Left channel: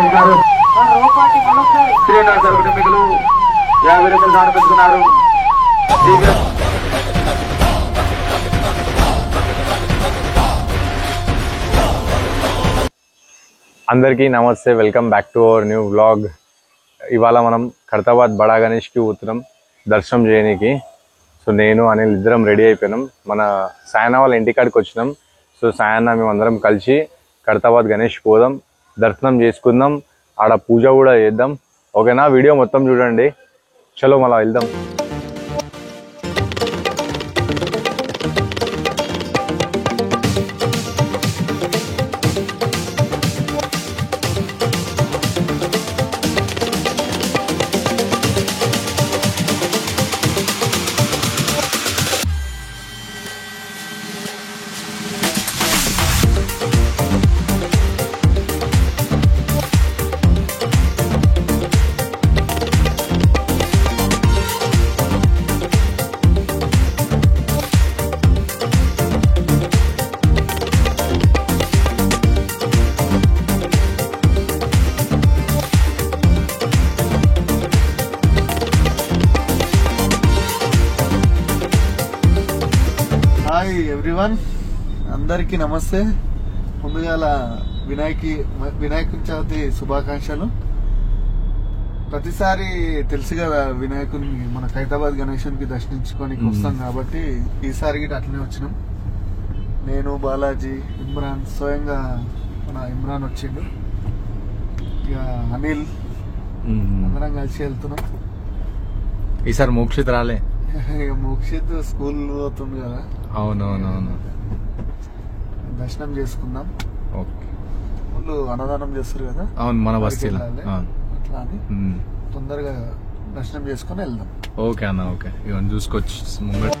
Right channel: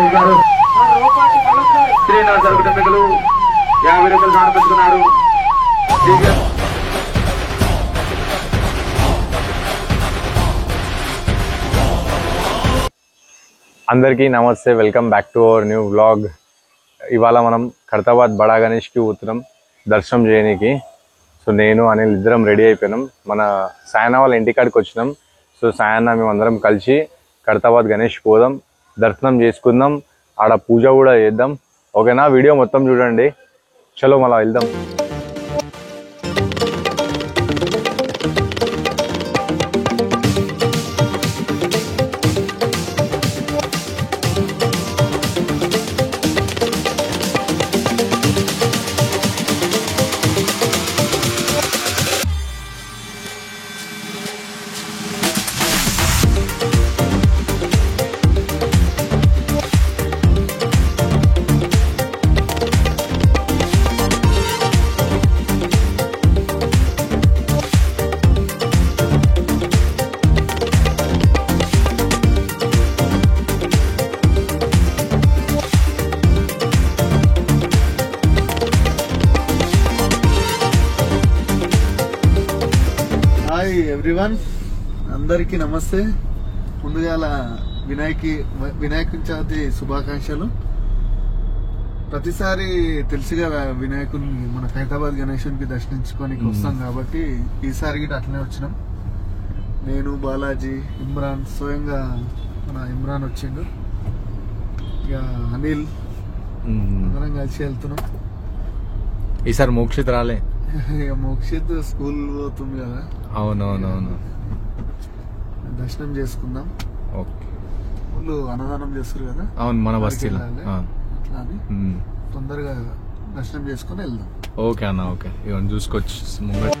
నిర్వహించారు. శ్రీనివాస్ గారు కుటుంబీకులు 50 రూపాయలు దానం పెట్టుకున్నారు. అందరికీ నమస్తే, welcome back to our new vlog. ఇవాళ మనం ఖైరతాబాద్ బడా గణేష్కి పోతున్నాం దర్శనం చేయడానికి. సో నేను అనిల్ ఇద్దరం రెడీ అయిపోయినాం. మన సాయన వాళ్ళ ఇంటికాడికి వచ్చినాం. సో సాయన్న మేము అందరం కలిసి ఖైరతాబాద్ గణేష్ పోదాం, దర్శనం చేసుకుందాం, ఆడ పూజ కూడా చేద్దాం. ఓకేనా? వీడియో మొత్తం చూడండి. చలో మళ్ళా వెళ్దాం. హాయ్ ఎవ్రీవన్, అందరికీ నమస్తే. ముందుగా వినాయక చవితి శుభాకాంక్షలు. ప్రతిసారి తెలుసు కదా, వినాయకుని మన ఖైరతాబాద్ గణేశునికి దర్శించుకోనికి వస్తాం కాబట్టి ఈసారి గిట్ట అట్లనే వచ్చినాం. నేను, బాలాజీ, ఇమ్రాన్, స్వయంగా మన ఇమ్రాన్ వచ్చిండు, ఇక అనిల్, అందరం కలిసి వెళ్తున్నాం. ఈసారి మోక్షిత్ రాలే. ఇక మోక్షిత్ స్కూల్ పోతుంది కదా. అవునవునవును. దర్శనం చేసుకుందాం. ఓకే. వాళ్ళు అన్నదానం చేస్తారు కదా. అవును, మన బస్తీలో. అట్లా అని తొందరగా దర్శనం చేసుకుని వెళ్దాం. ఓకే అన్న, ఓకే. ఇవన్నీ చూసుకోవచ్చు ముంగట.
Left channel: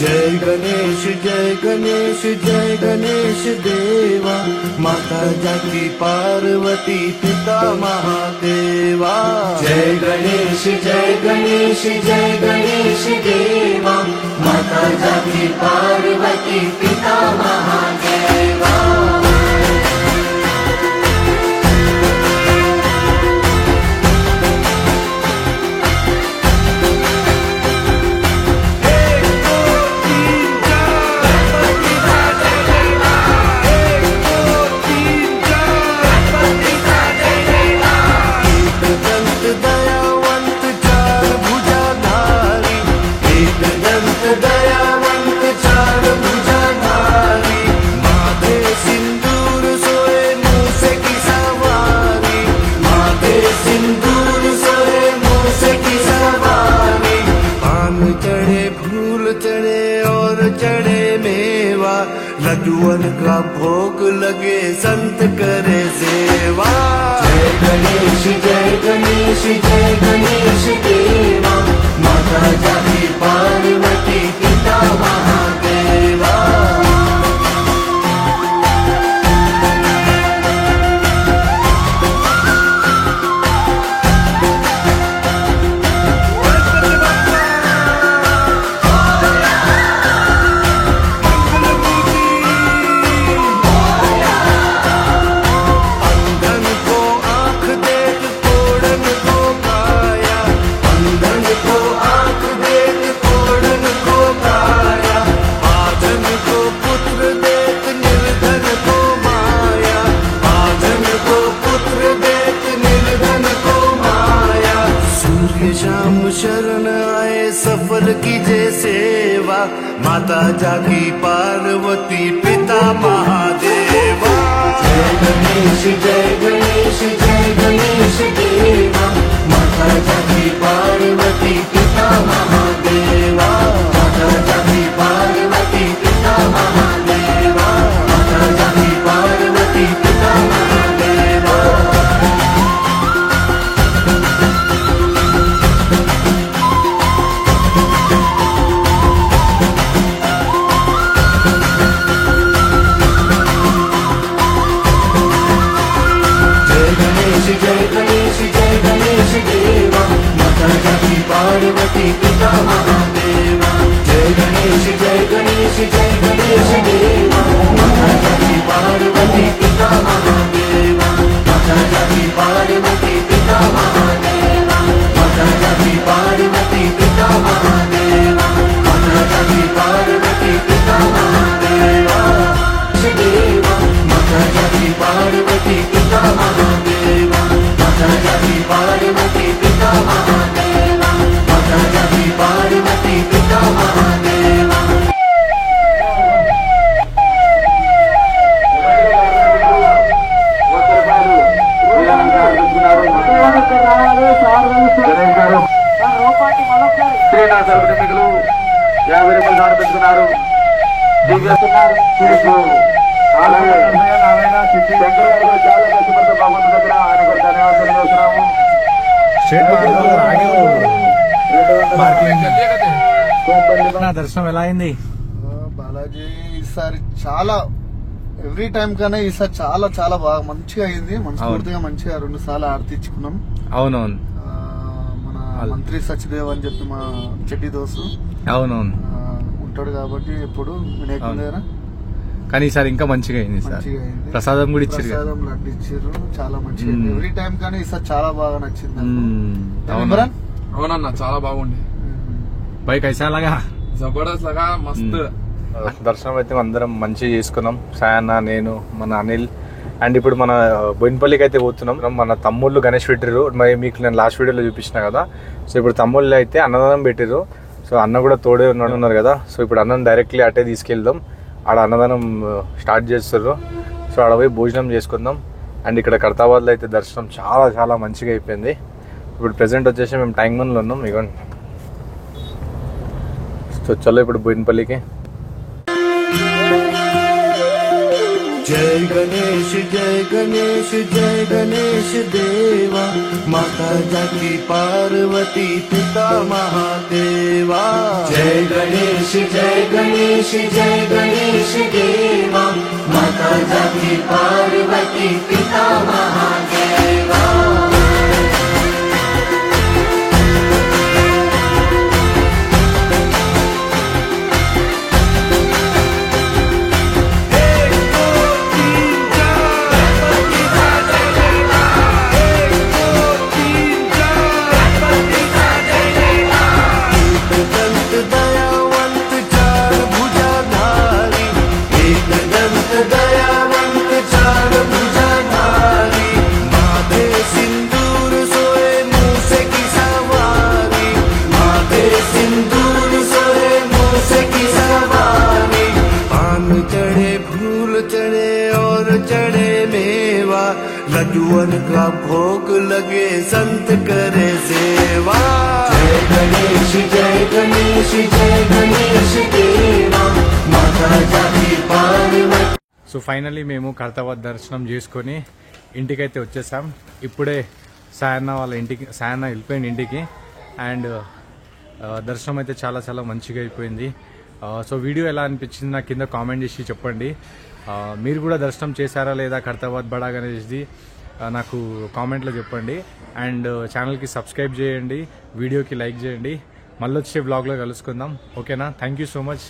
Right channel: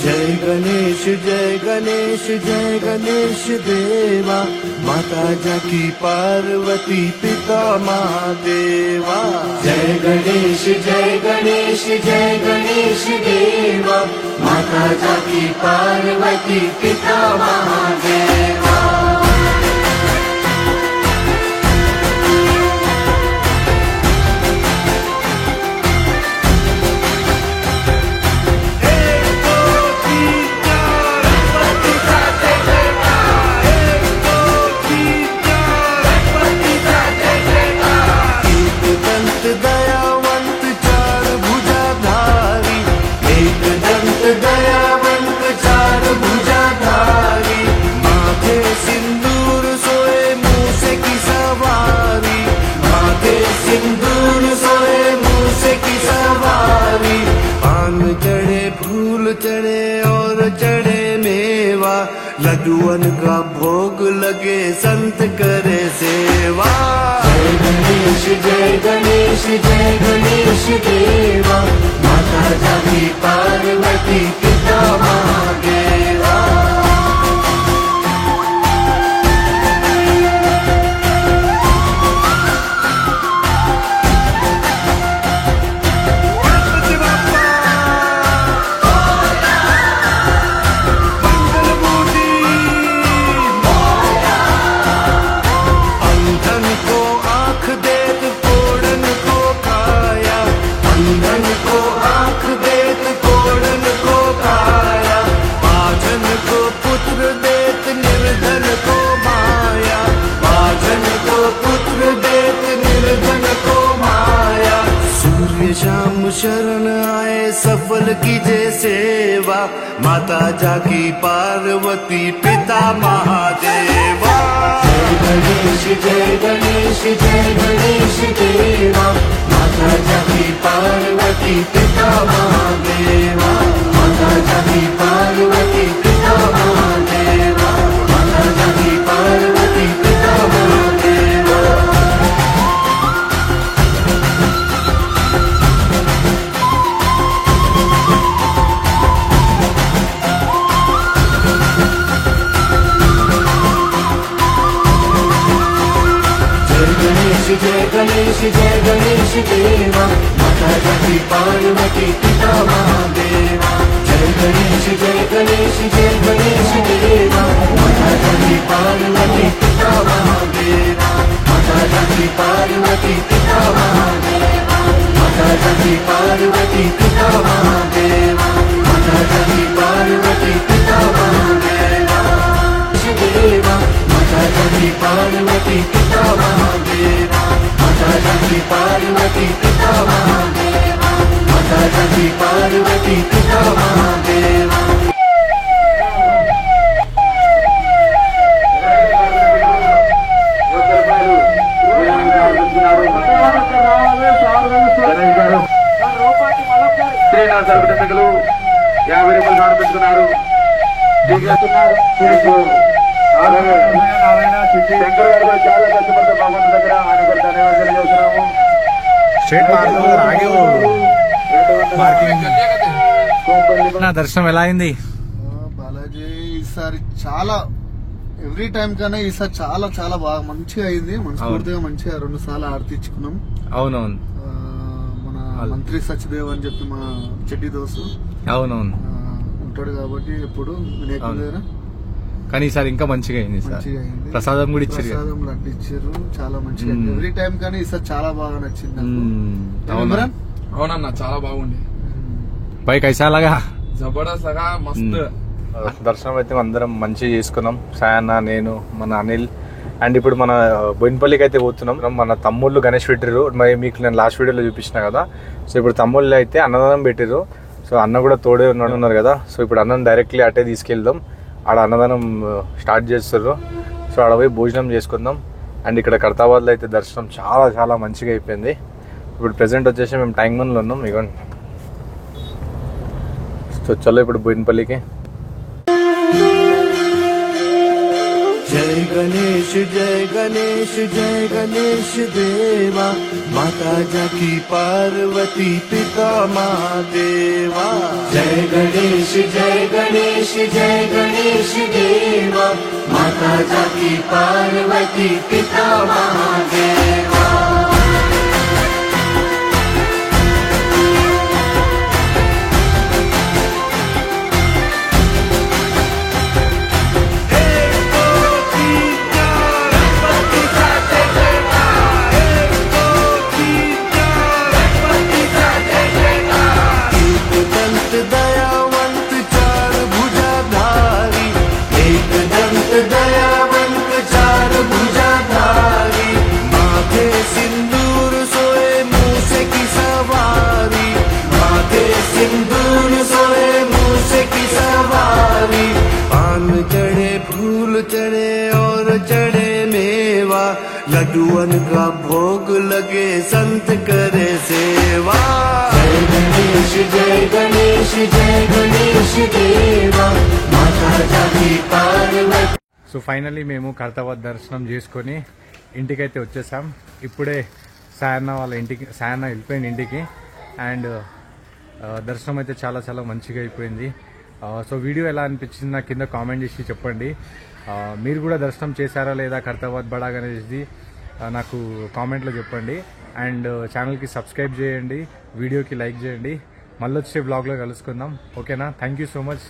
जय गणेश जय गणेश देवा, माता जाती पार्वती पिता महादेवा। जय गणेश देवा, माता जाती पार्वती पिता महादेवा। दंत दयावंत चार भुजाधारी, एक दंत दयावंत चार भुजाधारी, माथे सिंदूर सोए मूसे की सवारी, माथे सिंदूर सोए मूसे की सवारी। पान चढ़े, फूल चढ़े और चढ़े मेवा, लड्डुअन का भोग लगे, संत करे सेवा। जय गणेश देवा, माता जाती पार्वती पिता महादेवा। अंधन को आँख देत कोड़न को काया, अंधन को आँख देत कोड़न को काया, बाझन को पुत्र देत निर्धन को माया, बाझन को पुत्र देत निर्धन को माया। सूर्य शाम शरण आए, सफल कीजे सेवा, माता जाकी पार्वती पिता महादेवा। जय गणेश देवा, माता जाती पार्वती पिता महादेवा, माता पार्वती पिता महादेवा माता जाति पार्वती पिता महादेवा माता जाति पार्वती पिता महादेवा शिवा माता जाति पार्वती पिता महादेवा माता जाति पार्वती पिता महादेवा माता जाति पार्वती पिता महादेवा శ్రీనాథ్ సర్వటెక్నికలు 50 రూపాయలు సమర్పిస్తున్నారు. అలాగే శంకర్ చాలా కష్టపడ్డ భగవంతు దగ్గర ఆయన కూడా ధన్యవాదాలు తెలియజేస్తున్నాము. స్ట్రేట్ మార్గం ఆగే పార్కింగ్. నా దర్శనం ఎలా అయింది? బాలాజీ ఈసారి చాలా ఎవ్రీ టైం కన్నా ఈసారి చాలా చాలా బాగా మంచిగా అయింది. మనస్ఫూర్తిగా మంచిగా 2 సార్లు ఆర్తించుకున్నాం. అవునవును. మన మంత్రి సచిదేవ్ అని చెప్పి మా చెడ్డి దోస్తు అవునవును ఉంటాడు కాబట్టి ఎప్పుడు వినాయకుడి దగ్గర. కానీ ఈసారి ఇంకా మంచిగా అయింది సార్. మంచిగా అయింది. ప్రసాదం కూడా ఇచ్చారు. ప్రసాదం లడ్డు ఇచ్చారు. చాలా మంచిగా ఎవ్రీ టైం కానీ ఈసారి చాలా బాగా నచ్చింది. అవునన్నా చాలా బాగుంది. బైక్ ఐసాలాగా జబర్దస్త్ లాగా మస్తు. దర్శనం అయితే అందరం మంచిగా చేసుకున్నాం. సాయన్న, నేను, మన అనిల్. అండ్ ఇప్పుడు మన బోయినపల్లికి అయితే పోతున్నాం. మన తమ్ముళ్ళు గణేష్ పెట్టిర్రు. మరి మీకు నేను లాస్ట్ వీడియోలో చూపించిన కదా. సో ఇప్పుడు తమ్ముళ్ళు అయితే అన్నదానం పెట్టిర్రు. సో అన్న కూడా తోడే ఉన్నారు కదా. సో ఇప్పుడు అన్నం డైరెక్ట్లీ అటే తీసుకెళ్దాం. ఆడ అన్నదానం స్టార్ట్ చేస్తారు. సో ఆడ పోయి భోజనం చేసుకుందాం. అండ్ ఇక్కడ ఖైరతాబాద్లో అయితే దర్శనం చాలా చాలా మంచిగా అయిపోయింది. ఇప్పుడు ప్రెసెంట్ వచ్చేసి మేము ట్యాంక్బండ్లో ఉన్నాం. ఇవ్వండి. సో చలో ఇప్పుడు బోయినపల్లికి. जय गणेश जय गणेश देवा माता जाति पार्वती पिता महादेवा जय गणेश देवा माता जाति पार्वती पिता महादेवा दंत दयावंत चार भुजाधारी एक दंत दयावंत चार भुजाधारी माथे सिंदूर सोए मूसे की सवारी माथे सिंदूर सोए मूसे की सवारी पान चढ़े फूल चढ़े और चढ़े मेवा लड्डुअन का भोग लगे संत करे सेवा जय गणेश देवा माता जाति पार्वती. సో ఫైనల్లీ మేము ఖైరతాబాద్ దర్శనం చేసుకొని ఇంటికైతే వచ్చేసాం. ఇప్పుడే సాయన్న వాళ్ళ ఇంటికి వెళ్ళిపోయింది ఇంటికి. అండ్ దర్శనం అయితే చాలా చాలా మంచిగా అయిపోయింది. సో వీడియో ఎలా అనిపించింది నాకు కింద కామెంట్ చేసి చెప్పండి. మీరు కూడా దర్శనం చేశారా లేదా ఖైరతాబాద్ బడా గణేష్ది నాకు కామెంట్లో చెప్పండి. అండ్ ఛానల్కి సబ్స్క్రైబ్ చేయండి, వీడియోకి లైక్ చేయండి. మళ్ళీ వచ్చే వ్లాగ్లో కలుసుకుందాం. ఓకేనా? Thank you so much.